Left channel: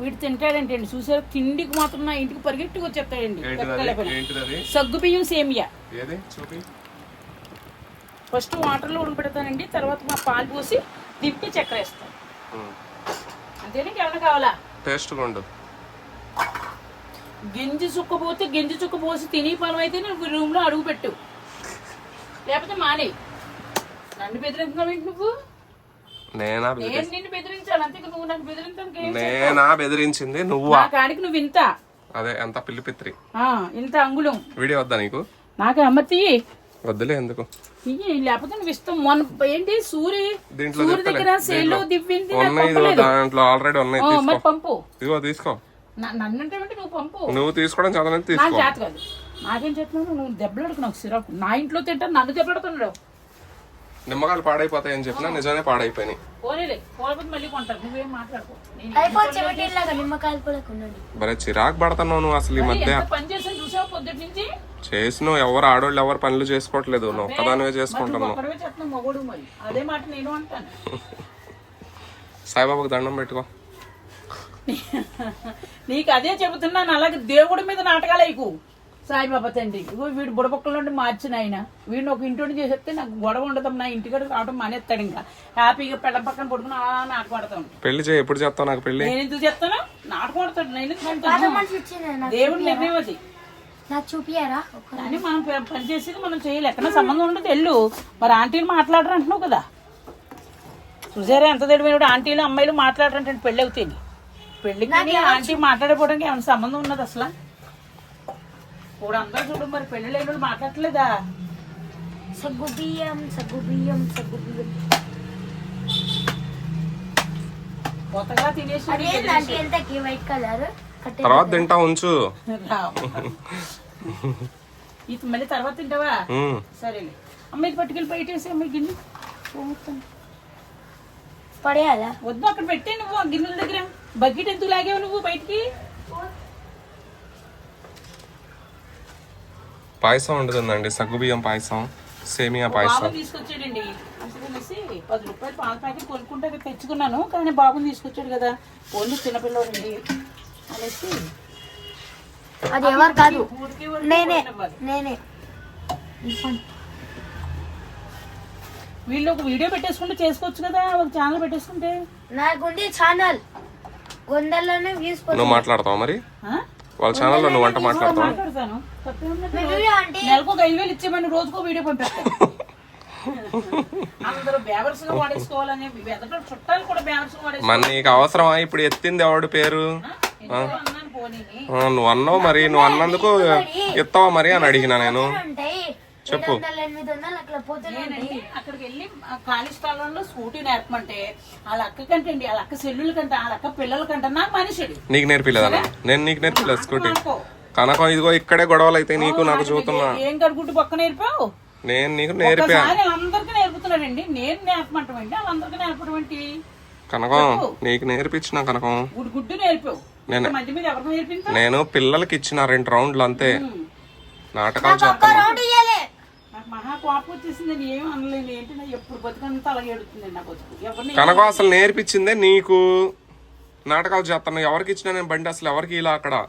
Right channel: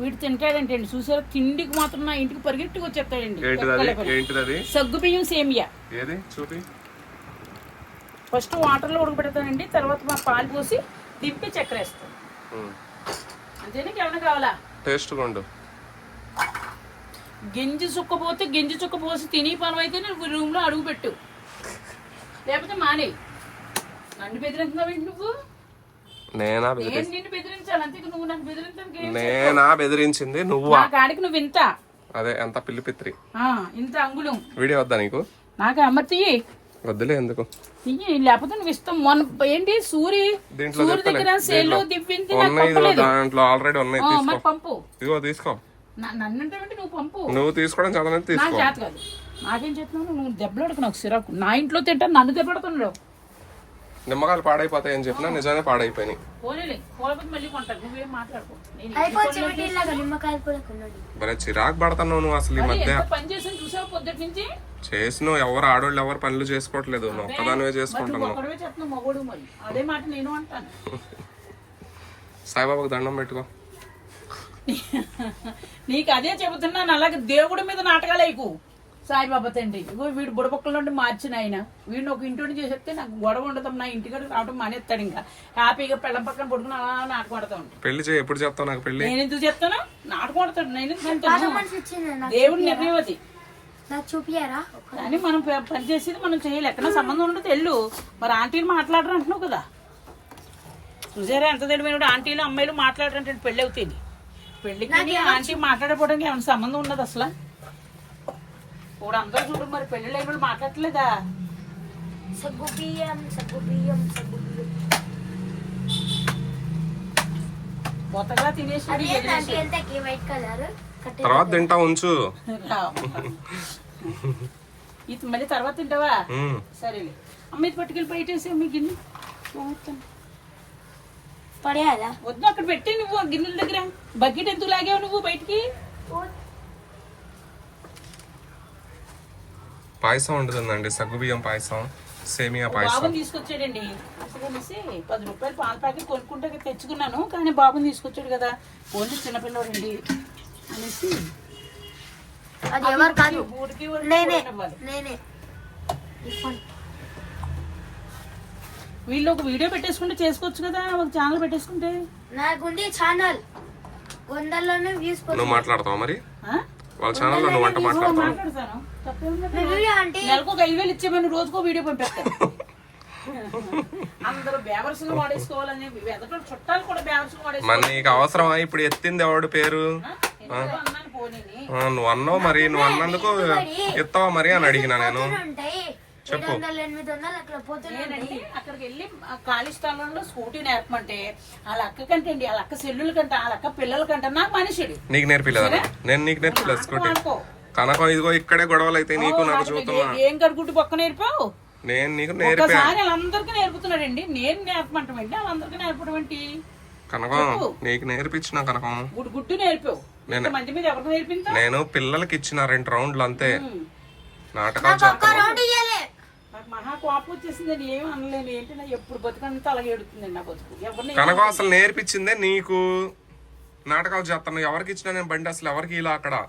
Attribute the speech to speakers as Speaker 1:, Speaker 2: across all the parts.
Speaker 1: వీడు తింటాడంటండి చూసారు? తిండికి మాత్రం నా ఇంటికి పరిగెట్టుకు వచ్చేస్తాడండి. సగ్గు బియ్యం సేమియా. ఫస్ట్ వాటర్లో ఉడకబెడతానండి. తర్వాత మా పాలు పోసి దింపి చక్కెర వేస్తాను అంతేనా ఏమైనా కావాలా?
Speaker 2: టేస్ట్ కొండు.
Speaker 1: గింజి చుక్క పోతే గింజి చుక్క పోసి తిని పొలం అయితే నువ్వు రూమ్లో అడుగు పెట్టు. లేకపోతే మానే నన్ను బెదిరించున్నావు ఏంటి నువ్వు?
Speaker 2: నేనా
Speaker 1: నేను
Speaker 2: బెదిరించింది? నువ్వా?
Speaker 1: కాడికి నువ్వు ఇంత.
Speaker 2: అదే ఎంత పిల్లి పిత్రి.
Speaker 1: ఇంత అంగుళం.
Speaker 2: వీడియో వద్దా నీకు?
Speaker 1: నాకు అమ్మతి
Speaker 2: వద్దులే ఎందుకు?
Speaker 1: లేకపోతే నువ్వు మొన్న ఏంటి? సూరి దగ్గర సేల్లో దివ్వింది
Speaker 2: దాంట్లో ఆల్రెడీ ఉన్నాయి
Speaker 1: పంపు.
Speaker 2: ఇదిగో తీసుకో.
Speaker 1: నువ్వు పంపు.
Speaker 2: నువ్వు తీసుకోవడం చదవని
Speaker 1: నాకు
Speaker 2: తీసుకో.
Speaker 1: చెప్తున్నావు నువ్వు దెబ్బలాడుకు నాకు సిరాకు. నా ఇంట్లో తింటాను నన్ను దెబ్బలాడుతున్నాడు
Speaker 2: నిమ్మకాయలు పాడైపోతాయని చెప్పినా నిజానే పాడైపోయినాయి. భలే చిరాకు పడుతున్నావు నువ్వు అసలు ఈ మధ్య.
Speaker 1: చేసాను
Speaker 2: ఎవరు ఆడోళ్ళు ఎవరు పనులు చేసుకోవట్లేదు. ఒక్కదానివే చేసుకుంటున్నావు సాయిబాబాకు దండం పెట్టుకో.
Speaker 1: నీకు అదే చెబుతున్నాను అలాగే దేవుడి మీద నాటకాలు అయికు సాయిబాబా తండ్రి. ఇగో వీడు బుడపక్కల నుండి మార్చిన ఆయన. వీడిని ఒక ఇంటి నుండి చేసేస్తే నాకు గొడవ ఉండదు. నా ఇంటికాడ రావడం మానేస్తాడు ఇంకా. హ్యాపీగా పెళ్ళం పక్కన పడుకుని అలా నాటకూడతా ఉంటాను
Speaker 2: పెళ్ళి చేయి. ఎప్పుడు చెప్తావు నాకు పెళ్ళి?
Speaker 1: నేను ఎందుకు చెప్తాను నాటకూడతాడు నేను ఎందుకు అంటాను
Speaker 3: నాకు
Speaker 1: దేవుడి నిర్ణయం అది.
Speaker 3: నాకు చూపియారా
Speaker 1: కానీ మనం పని చేసేది మనం చేయాలి. ఎక్కడ సంబంధం ఉండదు వెళ్ళు. మరి ఆంటీలు మాట్లాడరు అంటున్నావు కదా. చూసారా ఎంత తెలియదు ఆంటీలు అమ్మాయిలు మాట్లాడరంటే పెళ్ళి అవుతుంది. పెళ్ళికి ఆంటీ మాట్లాడిపోవడానికి ఏమైనా సంబంధం ఉన్నది అసలు? ఇప్పుడు అందరూ చూడు మరి పెళ్ళి లేని వాళ్ళు మాట్లాడట్లేదా?
Speaker 3: సగ్గు బియ్యం సగ్గు బియ్యం సగ్గు బియ్యం.
Speaker 1: కొత్తగా తినేసి
Speaker 3: ఎంతకి వైట్ కలర్?
Speaker 2: తర్వాత తింటా ఉంచు.
Speaker 1: ఇది మళ్ళీ తర్వాత తింటావా. సరేలే. అమ్మ ఇది పట్టుకెళ్ళి బయట వేసి అమ్మ ఈ గిన్నె.
Speaker 3: పడేయాలా?
Speaker 1: వద్దు అక్కడ పెట్టి నువ్వు గిన్నెల దగ్గర. బకెట్ ఎందుకు లాగావు నువ్వు బయటికి?
Speaker 2: పాయసం వండుతుందండి. సగ్గుబియ్యం పాయసం సేమియా పాయసం.
Speaker 1: బాబుని తీసుకొచ్చాడండి అందుకనేసి పది రూపాయలు పాల ప్యాకెట్ కొనుక్కుంటే తెచ్చుకున్నాను కానీ బాబుని తీసుకొచ్చాడు కదా. ఓన్లీ చిన్నపిల్లలండి అనేసి.
Speaker 3: అది ఎవరు కాదు. నేనే నేనే.
Speaker 1: వీళ్ళు ఒక వీడియో పెట్టేసుకుంటే చేసుకోవచ్చు కదా ఒక ఛానల్ పెట్టేసుకుంటే.
Speaker 3: నాకుంది ఛానల్. వందల్లోనే వ్యూస్
Speaker 2: నువ్వు మాట్లాడతావా మరి? వాళ్ళ ఛానల్లో నువ్వు వంట మాట్లాడతావా?
Speaker 1: నెలకు ఒక ఐదు వేలు ఇచ్చేమని రోజుకో వీడియో పంపిస్తాను
Speaker 2: మరి నీకు అవసరమా? ఇప్పుడు ఎత్తింది ఎవడి పేరు?
Speaker 1: అన్నాను పోనీని?
Speaker 2: ఆ, నువ్వు అన్నావు మరి నువ్వు అన్నందుకు ఇస్తావా మరి అని అడిగినా నేను.
Speaker 1: నేనండి అక్కడికి వెళ్ళి ఆ ఖాళీ స్థలంలో స్కూటీ నేర్పమంటే వాళ్ళ అక్క కంటే అండి వాళ్ళ అక్క సెల్లుల కంటే వాళ్ళ అక్క పిల్లల కంటే నాకు మనిషిడు
Speaker 2: నీకు నేర్పిలేదా? నేను నీకు నేర్పిలేదు స్కూటీ. కనకం ఇదిగో ఇక్కడే గొడవలు అయితే నీకు నాకు చూస్తున్నా
Speaker 1: ఏం కడుగుట్టు పక్క నేర్పావు?
Speaker 2: నేను నీకు నేర్పా.
Speaker 1: వాళ్ళందరికీ నేర్పుతున్నాడండి నేను నేర్పమంటాం ఏంటి వాళ్ళందరికీ నేర్పడం ఏంటి?
Speaker 2: కనకం నీకు నేర్పించిన కనకం.
Speaker 1: గుడ్డు గుడ్డు నేర్పావు.
Speaker 2: నేను-
Speaker 1: మంది మీద ఎవరికి నేర్పిందా
Speaker 2: నేను పిల్లలకి ఇచ్చిన రెండు రౌండ్లు అంతే. నాటకాలు చేస్తాను
Speaker 3: రౌండ్ ఇయ్యాలి
Speaker 1: నాకు మహా కోపం వచ్చేసిందండి ఏం అనలేను. ఏంటి నా ఎప్పుడు బతుకంతా అలాగే ఎడుతుందండి నా బతుకు? ఎవరిని
Speaker 2: కనకం అసలు నేర్పించిందే నీకు? నాటకాలు చేస్తాను ఎవరికి ఇచ్చినా నేను బండి అసలు ఎవరికి ఇలా అక్కడ?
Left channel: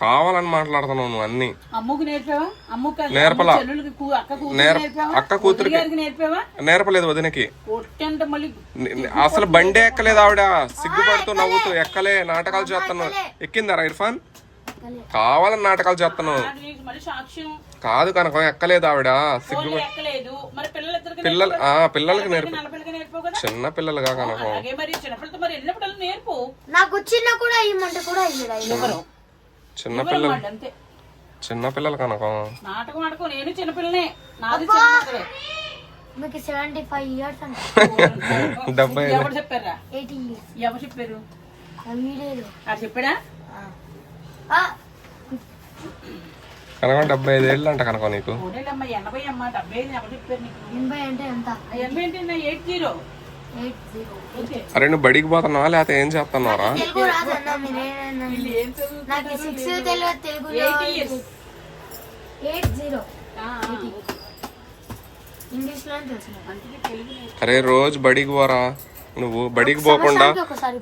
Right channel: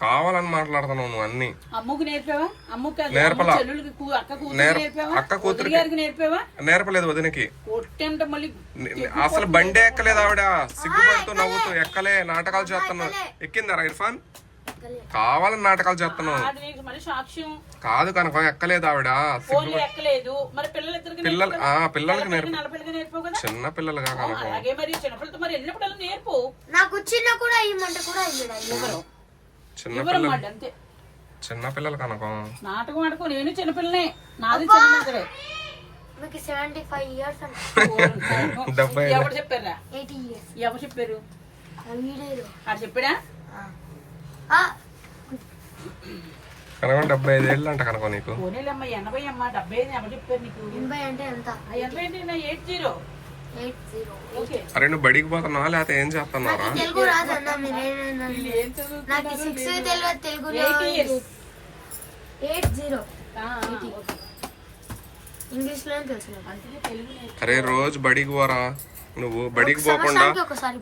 Speaker 2: కావాలని మాట్లాడుతున్నావు నువ్వు అన్ని.
Speaker 1: అమ్ముకు నేర్పావా? అమ్ముకు కాదు,
Speaker 2: నేర్పలా.
Speaker 1: అమ్మ చెల్లెళ్ళకి కూ- అక్క కూతురు
Speaker 2: నేర్ప-
Speaker 1: నేర్పావా?
Speaker 2: అక్క కూతురికి-
Speaker 1: వదిన గారికి నేర్పావా?
Speaker 2: నేర్పలేదు వదినకి.
Speaker 1: కొట్టంటే మళ్ళీ
Speaker 2: ని- ని- అసలు బండే ఎక్కలేదు ఆవిడ. సిగ్గుపడుతూ నవ్వుతూ ఎక్కలే. నాటకాలు చేస్తాను ఎక్కిందారా ఇర్ఫాన్? కావాలని నాటకాలు చేస్తాను కాదు కనకం ఎక్కలేదు ఆవిడ. సిగ్గు
Speaker 1: ఫోన్లో ఎక్కలేదు. మరి పిల్లలిద్దరికి
Speaker 2: పిల్లలు ఆ పిల్లలకి నేర్పి. చిన్న పిల్లలుగా కనకం.
Speaker 3: చిన్న
Speaker 2: పిల్లలు చిన్న పిల్లలు కనకం.
Speaker 1: నాటకం ఆడుకో నేను చిన్నపిల్లనే. నాది
Speaker 3: మీకు సెవెంటీ ఫైవ్ ఇయర్స్ అంటే.
Speaker 2: డెబ్బై
Speaker 1: ఎవరు చెప్పారా? ఎవరు చెప్పారు? చెప్పాడా?
Speaker 2: కనకం డెబ్బై ఐదు ఏళ్ళు అంట కనకం నీకు. అరే నువ్వు బడికి పోతున్నావా? లేకపోతే ఏం చేస్తున్నారా. అరే రోజు బడికి పోరా. నువ్వు బడికి పోకుండా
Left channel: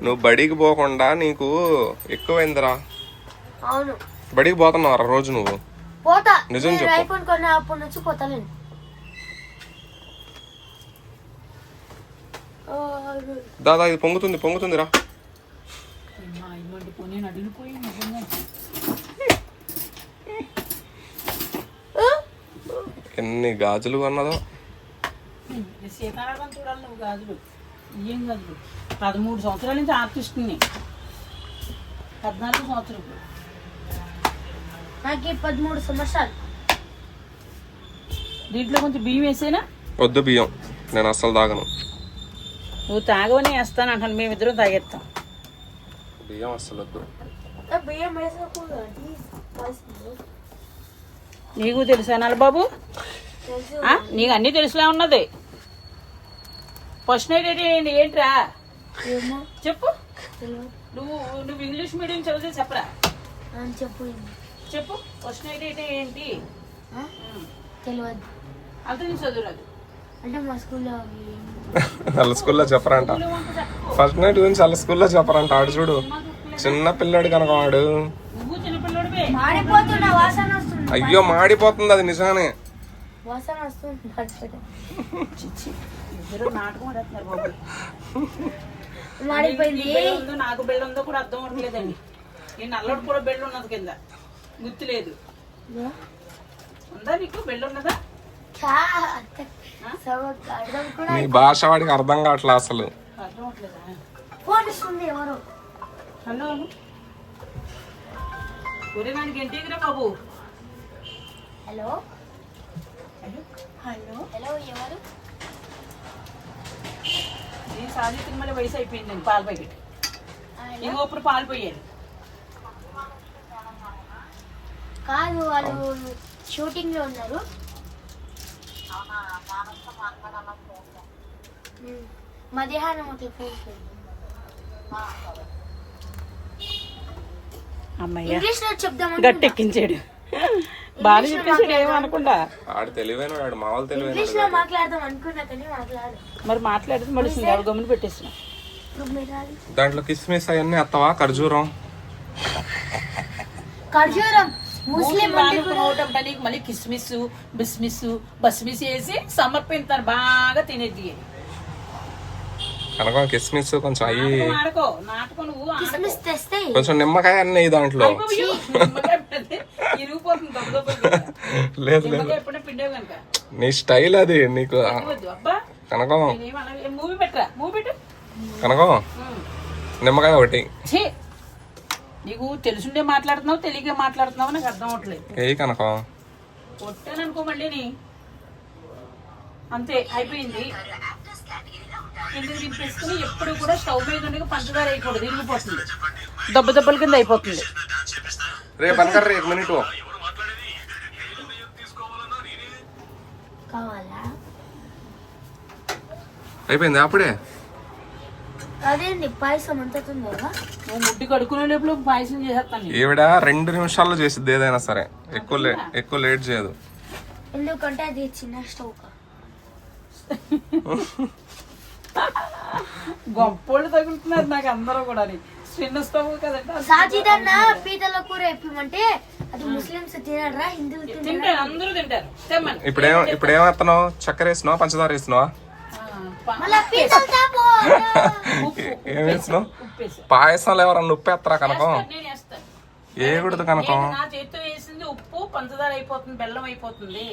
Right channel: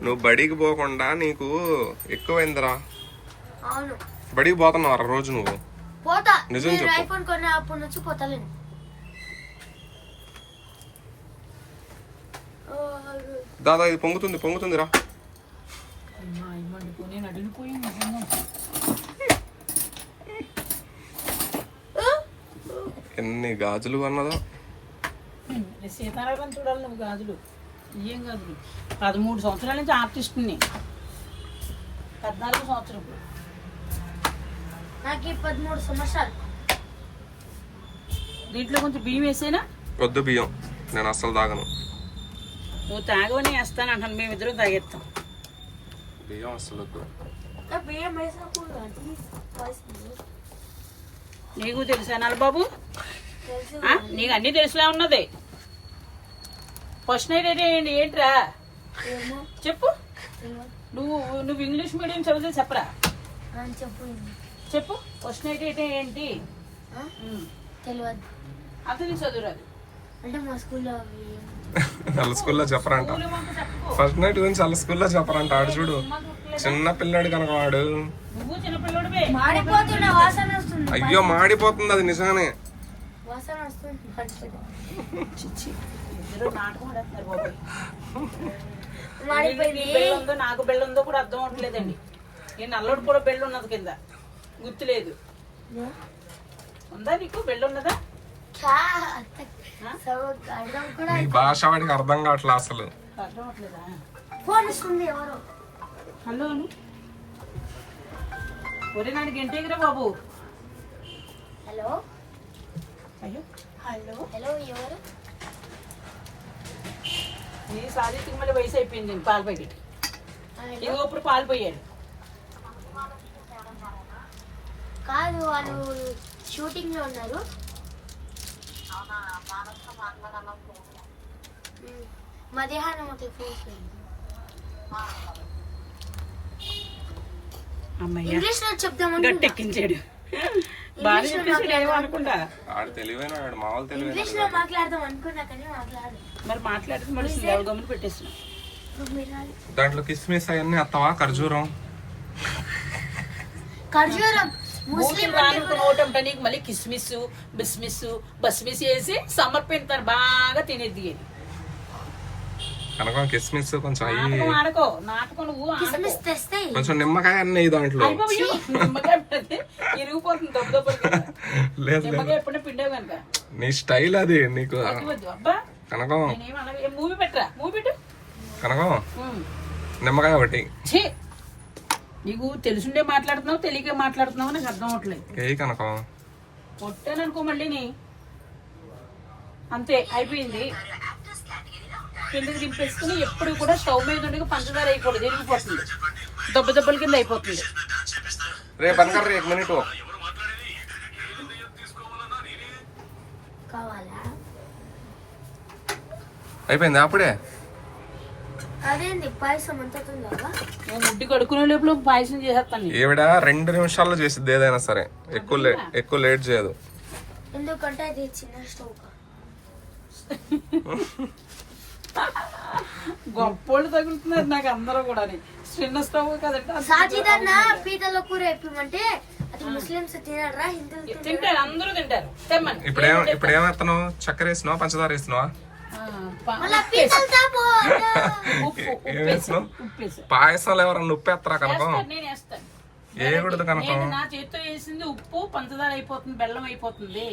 Speaker 2: నువ్వు బడికి పోకుండా నీకు ఎక్కువైందిరా.
Speaker 3: అవును.
Speaker 2: బడికి పోతున్నావరా రోజు నువ్వు?
Speaker 3: పోతా.
Speaker 2: నిజం చెప్పు.
Speaker 3: ఐఫోన్ కొన్న అప్పటి నుంచి పోతలేను ఆ,
Speaker 2: దాదా ఇది పొంగుతుంది
Speaker 1: అడిగిపోయి నిజంగా.
Speaker 2: ఎన్ని గాజులు అన్నదో
Speaker 1: సీతారామం చూడాలి నువ్వు గాజులు. ఏం గాజులు? పదమూడు సంవత్సరాల నుంచి ఆర్టిస్ట్ని. పద్నాలుగు సంవత్సరం.
Speaker 3: నాకు పదమూడు సంవత్సరాలు.
Speaker 1: దీంట్లో కొంచెం బియ్యం వేసేనా?
Speaker 2: వద్దు బియ్యం నేను అస్సలు తాగను.
Speaker 1: నువ్వు తాగవనే వేస్తాను అంటాను మేమిద్దరం తాగేస్తాం.
Speaker 2: బియ్యం అస్సలు వద్దు.
Speaker 3: బియ్యం.
Speaker 1: నీకు తెలుసా బాబు? నీకు అన్నీ తెలిసిలా ఉన్నది. ఫస్ట్ నైట్ ఏంటి ఏంట్రా? చెప్పు. నువ్వు నువ్వు ఇంగ్లీష్ మీడియం చదివితే చెప్పరా?
Speaker 3: నేను చెప్పు
Speaker 1: చెప్పు ఫస్ట్ నైట్ అయితే ఏంటి.
Speaker 3: తెలియదు
Speaker 1: అంత చదువురాదు
Speaker 3: అంటే మా స్కూల్లో
Speaker 2: వాళ్ళ స్కూల్లో చెప్పరంట. ఫస్ట్ నైట్ గురించి వాళ్ళ స్కూల్లో చెప్పరంట. ఆడు చూడు. చిన్న పిల్లాడు కనుక వాడు అయ్యో మాడిపోతుంది అది నిజంగానే.
Speaker 1: నీకు బెల్ల ఉందో నాకు బెల్ల ఉందో కూడా అర్థం అవ్వట్లేదండి. నేను నల్లోడు కూడా బెల్ల ఉన్నది కింద. గుర్తులేదు. ఉందా నీకు బెల్ల ఉన్నదా
Speaker 3: క్యా? సగం అర్థం కూడా
Speaker 2: నీ భాష వాడికి అర్థం కావట్లే అసలు.
Speaker 1: హలో. ఒరే నాకు ఇంటికి బాబు.
Speaker 3: హలో.
Speaker 1: అయ్యో.
Speaker 3: హలో. హలో ఎవరు?
Speaker 1: నీ సారీ తిమ్మలి వయసు అయిపోయింది పాల ప్యాకెట్. ఇంకో ఇప్పుడు పాలు పోయాడు
Speaker 3: కాదు వాళ్ళు షూటింగ్లో ఉన్నారు. ఉమ్. మధ్యాహ్నం ఒక ఫోన్ చేయండి.
Speaker 1: అమ్మయ్య.
Speaker 3: ఇంగ్లీష్లో చెప్దాం
Speaker 1: గట్టెక్కించాడు బాగా చెప్పేసాడు ఏమో అనకుండా
Speaker 2: ఆడు తెలివైన వాడు మా వాళ్ళు తెలివైన
Speaker 3: ఇంగ్లీష్లో మాట్లాడదాం అనుకున్నా కానీ మాట్లాడు.
Speaker 1: మరి మాట్లాడితే మళ్ళీ పెట్టేస్తున్నాం.
Speaker 2: దాంట్లో కిస్మిస్ అవన్నీ అత్తవా? ఖర్జూరం?
Speaker 3: ఖర్జూరం. ముస్లిం
Speaker 1: రానుకున్న ఓటంట నీకు మళ్ళీ కిస్మిస్ బిస్మిస్ బస్మిస్ వేసి సమర్పించారు బాగా తినేది
Speaker 2: కనుక కిస్మిస్ కొంచెం అయ్యి కొంచెం నిమ్మకాయ అన్నీ దాంట్లో. లేదు లేదు. నీ స్టైల్ అది నీకు కనకం కనకం. నిమ్మకాయ ఒకటి.
Speaker 1: నీకు తెలుసుండే మాట్లాడుతున్నావు తెలియక మాట్లాడుతున్నావు నాకు అర్థం అవట్లేదు.
Speaker 2: ఏ కనకం?
Speaker 1: కొట్టాననుకో మళ్ళీ నీ. అంతే అయిపోయింది. కిందకి దింపేసుకుని ఎప్పుడు కూడా స్టవ్ మీద ఉండి పంచదార వేయకూడదు ఇరిగిపోతుంది. దెబ్బ దెబ్బల కింద అయిపోతుంది.
Speaker 2: రేపు మినిట్.
Speaker 3: కావాలా?
Speaker 2: అయిపోయింది అప్పుడే?
Speaker 3: అదేంటి పాయసం అంత తొందరగా?
Speaker 1: కడుక్కునే లోపల పాయసం చేసేస్తాను.
Speaker 2: ఈవిడ రెండు నిమిషాల్లో చేసిద్ది ఏదైనా సరే. ఎక్కువ లే ఎక్కువ లేట్ చేయదు.
Speaker 3: ఎందుకంటే అది చిన్న స్టవ్.
Speaker 1: గొప్పోళ్ళు తగులుతున్నారు నాకు అందరూ కూడా చిన్న స్టవ్ కదంటే
Speaker 3: సాజిదన్న పీతల కూర ఎప్పమంటే అది ముస్లిమ్స్ తినరా హిందువులు
Speaker 1: తింటారు అందరూ తింటారు.
Speaker 2: ఇప్పుడేం ఇప్పుడు ఏమేస్తున్నావు చక్కెర వేసినావా పంచదార వేసినావా ఏం వేసినావు పాయసంలో ఎవరన్నా ఉప్పు ఎత్తరా కనకం ఏగుడదు కనకం
Speaker 1: నేను నా చేతితో వేసింది ఉప్పు పంచదార అయిపోతుంది బెల్లం అయిపోతుంది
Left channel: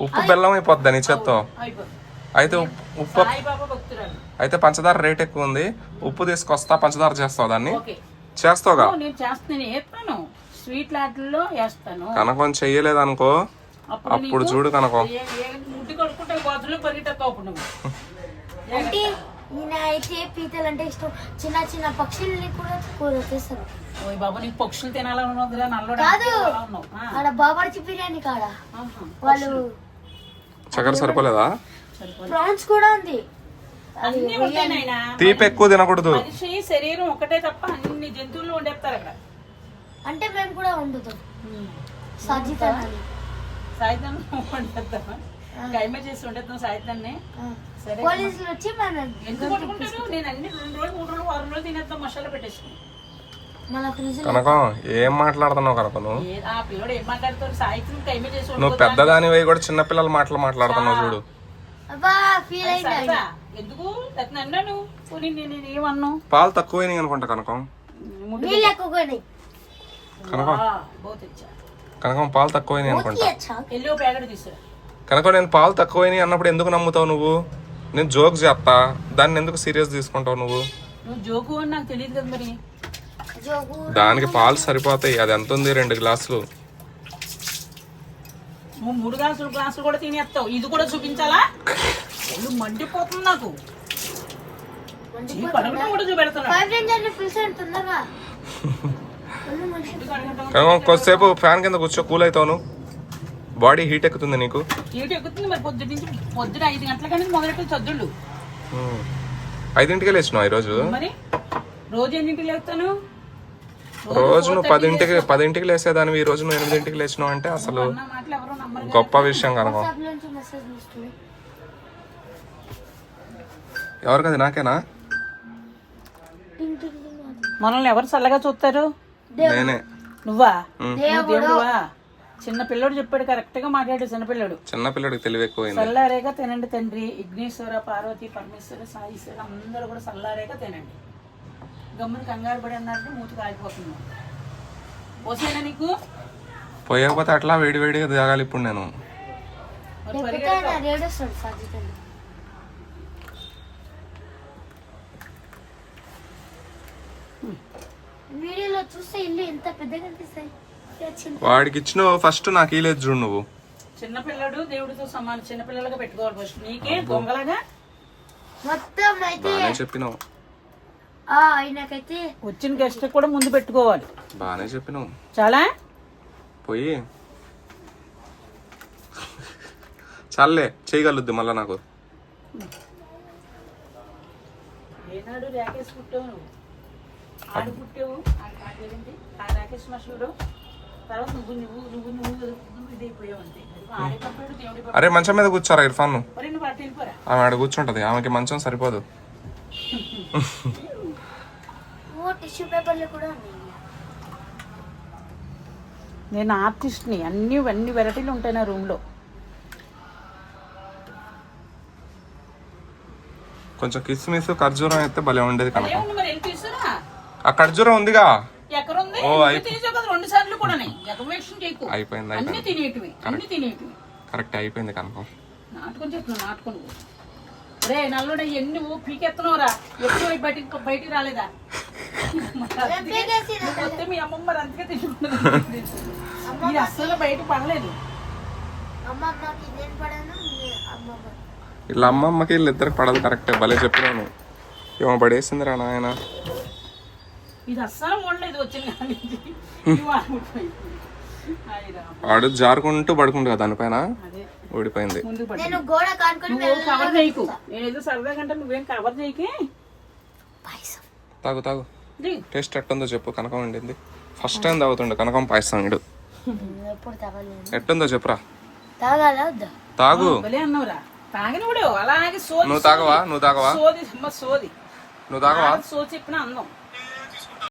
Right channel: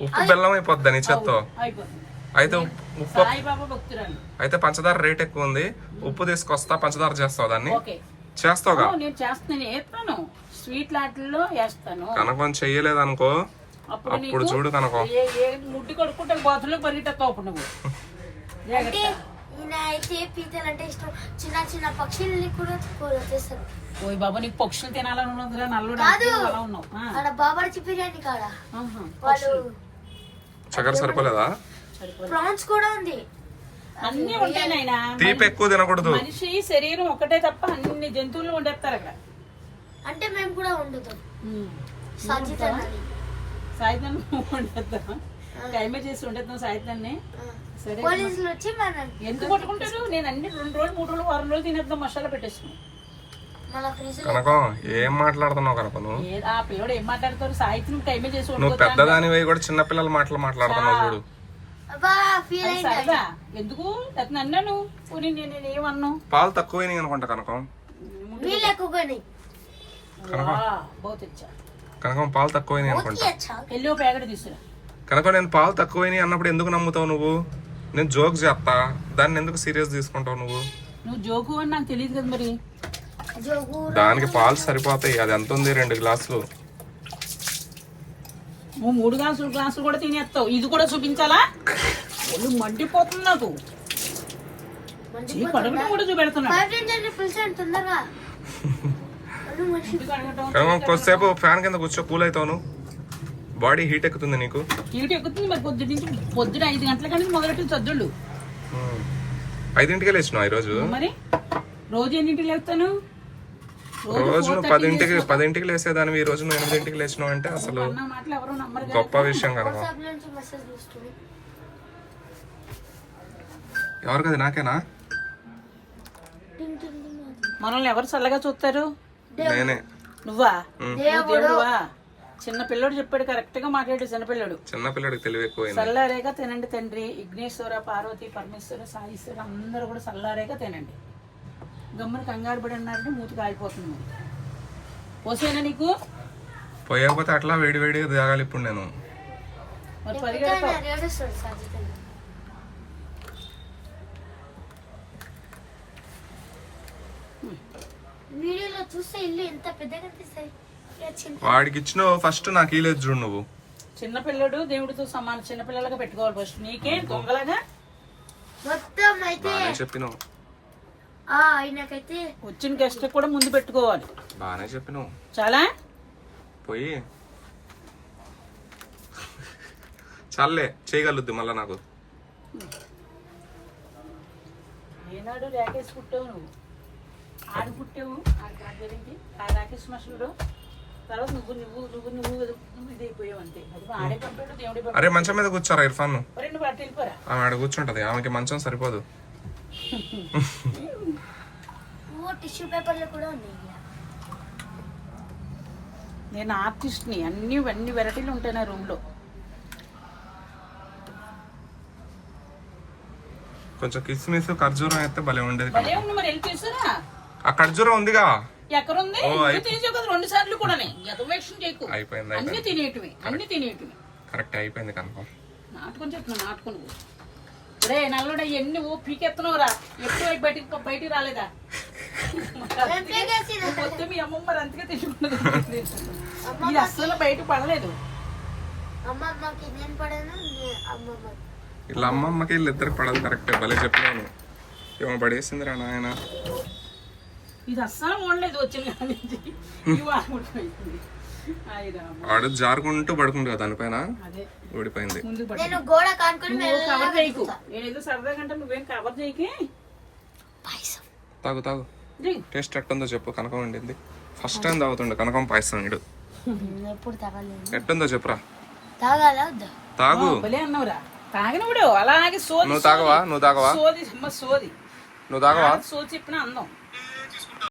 Speaker 2: ఉప్పు బెల్లం అయిపోద్ది నీ చేత్తో
Speaker 1: అయిపోతుంది
Speaker 2: అయితే ఉప్పు- అయితే పంచదార రేట్ ఎక్కువ ఉంది ఉప్పు తీసుకొస్తా పంచదార చేస్తావు దాన్ని చేస్తావుగా
Speaker 1: నేను చేస్తాను నేను వేస్తాను స్వీట్ లాట్లో వేస్తాను
Speaker 2: కనకం చెయ్యలేదు అనుకో
Speaker 1: అప్పుడు
Speaker 2: చూడు కనకం
Speaker 1: ముడ్డి కడుక్కుంటే బాతులు అప్పుడు నువ్వు
Speaker 3: అంటే ఈయన అయితే పీతలు అంటే ఇష్టం. చిన్న చిన్న పక్షుల్ని కూడా కూర చేస్తారు.
Speaker 1: ఓయ్ బాబా నీకు పక్షులు తినాలని నల్లోడు
Speaker 3: కాదు. ఆడ బాబార్చి బిర్యానీ కాడ.
Speaker 1: ఆహా,
Speaker 3: వాళ్ళు
Speaker 2: చక్కెర సరిపోలేదా?
Speaker 3: ప్రాన్స్ కూడా ఉంది.
Speaker 1: అన్ని ఉంటాయి నాయనా.
Speaker 2: తీపి ఎక్కువ తినకూడదు.
Speaker 1: మనిషి శరీరం ఒకటే తప్ప అన్ని జంతువులు వండేస్తారు అక్కడ.
Speaker 3: అంటే మేము కూడా వండుతాం. సాజిదన్న
Speaker 1: సాయంత్రం వండేద్దామా? టైమే చేసి ఉండేద్దాం సాయిత్యాన్ని సరే
Speaker 3: పోలీసులు వచ్చి మన
Speaker 1: ఎందుకు పట్టుకుంటారు? నేను అన్ని రెండు రోజులు మూడు రోజులు వారం రోజులు తినేద్దాం మసాలా పెట్టేసుకుని
Speaker 3: మన ఫ్రిడ్జ్
Speaker 2: కనకం ఏం మాట్లాడుతున్నావు కనకం నువ్వు?
Speaker 1: ఏ- ఆ పిల్లడు ఏం మాట్లాడతారు టైమే చేసి
Speaker 2: నువ్వు పెద్దదాని కూడా చిన్న పిల్లల మాటలు మాట్లాడుతున్నావు చూడు.
Speaker 3: అబ్బా ఫీల్ అయింది.
Speaker 1: సరదా ఎందుకు? అతను అన్నాను పోనీ నేను ఏమన్నా
Speaker 2: పాలు తక్కువైనాయి అనుకుంటా కనకం.
Speaker 3: నీళ్ళు ఎక్కువని
Speaker 1: బాగా తెచ్చా.
Speaker 2: కనకం పాలు తక్కువైనాయి అనుకుంటా.
Speaker 1: వెళ్ళి ప్యాకెట్ తీసుకురా
Speaker 2: కనుక నేను పాలు తక్కువైనాయి అన్నప్పుడు ఎందుకు నమ్ముతావు నువ్వు? నేను జోక్ చేస్తా దాన్ని ఎందుకు సీరియస్ తీసుకుంటావు నువ్వు?
Speaker 1: నువ్వు జోకు అని నాకు తెలియదు కదా మరి.
Speaker 3: జోగు
Speaker 2: దానికి పాలు సరిపోతాయి. అది ఎంత ఉంది? రెండు గ్లాసులు.
Speaker 1: నువ్వు మూడు గ్లాసులు గ్లాసులు కూడా తినేస్తావు. ఇది కూడా చూపించాలా? మండిపోతుంది నాకు.
Speaker 2: కొద్దిసేపు ఫ్యాన్ కింద కూర్చో కూల్ అవుతావు బాడీ హీట్ ఎక్కుతుంది నీకు?
Speaker 1: చీటి ఎక్కుతుంది మరి పొద్దు నుంచి పొద్దున ఐదు గంటల కానీ మొదలెట్టి చద్దుళ్ళు.
Speaker 2: ఐదింటికే లేచినావు ఈరోజు?
Speaker 1: మరి రోజు ఎన్నింటికి లేస్తాను?
Speaker 2: రోజు నువ్వు పదింటికి పదింటికి లేసేదానివి. ఈ రోజు నువ్వు ఎనిమిదింటికి లేచినావు అంటే అసలు
Speaker 1: ఎవరో కదా.
Speaker 2: గొప్ప విషయం కనుక.
Speaker 3: వాట్సాప్ నుంచి మెసేజ్ ఇస్తుంది.
Speaker 2: ఎవరికది? నాకేనా.
Speaker 1: మనల్ని ఎవరు చల్లగా చూస్తారు?
Speaker 2: నేనే.
Speaker 1: నువ్వా. నువ్వు దేవుడువా? చిన్న పిల్లడు చెప్పాడు కరెక్ట్గా మాట్లాడు చిన్న పిల్లడు.
Speaker 2: చిన్న పిల్లడికి తెలివి ఎక్కువైంది.
Speaker 1: చల్లారేగా తినండి తండ్రి. విఘ్నేశ్వర పార్వతి పరమేశ్వర సాయిశ్వర అందరూ కూడా చల్లారేగా తినండి. గమ్మున కంగారు పడి అన్నారంటే మూతి కాలిపోతుంది పోసేనా నీకు?
Speaker 2: పోయకపోతే అట్లా వేడి వేడిగా తాగాలి ఇప్పుడు నేను.
Speaker 1: మరి పరిగెడతావు?
Speaker 3: వీడియోలో చూస్తే ఇల్లు ఎంత పెద్దగా కనిపిస్తాయి చిన్న
Speaker 2: వాడికి ఇచ్చిన ఫస్ట్ నాకు ఇలేదు చూడు నువ్వు.
Speaker 1: చిన్న పిల్లడు దేవుడితో సమానం. చిన్న పిల్లలుగా పెట్టుకోవాలి ఫస్ట్ నీకే దొంగలాగా
Speaker 3: మొత్తం అయితే
Speaker 2: బాగానే చెప్పినావు.
Speaker 3: ఆ ఆయనకైతే
Speaker 1: వచ్చిన గెస్ట్ కూడా ముందు పెట్టుకోవాలి.
Speaker 2: బాగానే చెప్పినావు.
Speaker 1: చాలా?
Speaker 2: పోయి. చాలే చేయగలుద్ది మళ్ళా నాకు.
Speaker 1: ఏనాడు రాకేష్ పుట్టావు నువ్వు? ఆడు పుట్టావు. ఆ రాకేష్ మనుషుడు
Speaker 2: అరే మంచం మీద కూర్చోరా ఇర్ఫాన్ ఆమె ఆడ కూర్చుంటది ఆమెకి మంచం సరిపోదు.
Speaker 3: ఓ టిష్యూ పేపర్లు కూడా ఉన్నాయి ఇలా.
Speaker 1: నేను ఆర్టిస్ట్ని అన్ని అన్ని వెరైటీలు ఉంటాయి నా రూమ్లో.
Speaker 2: కొంచెం కిస్మిస్ ఖర్జూరం అయితే భలే ఉండేది కనుక. ఆ ఖర్జూరం ఉందిగా?
Speaker 1: ఎక్కడ ఉంది
Speaker 2: ఓ,
Speaker 1: నువ్వు కూడా ఎగవేషన్ చేయకు.
Speaker 2: అయిపోయింది
Speaker 1: అన్ని
Speaker 2: అయిపోయింది.
Speaker 1: తినేటివి అన్ని తినేటివి.
Speaker 2: కరెక్ట్ అయిపోయింది కనుక
Speaker 1: నాటుకొని చెప్తున్నా నాటుకొని. రే నల్లుడ ఎన్ని ఓ పీకెత్తనవరా బయటికి బయటికి రాలేదా? మొత్తం మీ అమ్మమ్మ మరి తింటున్నది. ఇది అస్సలు బయట పడలేదు.
Speaker 2: వీళ్ళ అమ్మమ్మకి వీళ్ళిద్దరికి పడదు కరెక్టే. భలే చెప్పినాను ఏమో పడేసిందిరా నాయన.
Speaker 1: ఇది అస్సలు ఉండలేదు వచ్చిన.
Speaker 2: వాడు జారుకుంటూ పడుకుంటు దానిపైన
Speaker 1: అదే.
Speaker 2: ఓడిపోయింది.
Speaker 1: ముందు పడి
Speaker 3: నేను గోడ కానుకొని
Speaker 1: నువ్వు కవర్ చేయకు. నేను ఏదో సరదాగా అంటే నువ్వేం కవర్ చేయకే?
Speaker 3: పాయసం.
Speaker 2: తాగు తాగు. టేస్ట్ ఎట్టుందో చెప్పు కనకం వండింది ఫస్ట్ టైం తాగుతుండే కనకం పాయసం ఇడు
Speaker 3: ఎప్పుడు తాగలేదు
Speaker 2: ఎట్టుందో చెప్పురా. తాగు. నువ్వు తాగవా? నువ్వు తాగవా?
Speaker 1: సోది అమ్మ సోది.
Speaker 2: నువ్వు తాగవా?
Speaker 1: చెప్పిన అందం.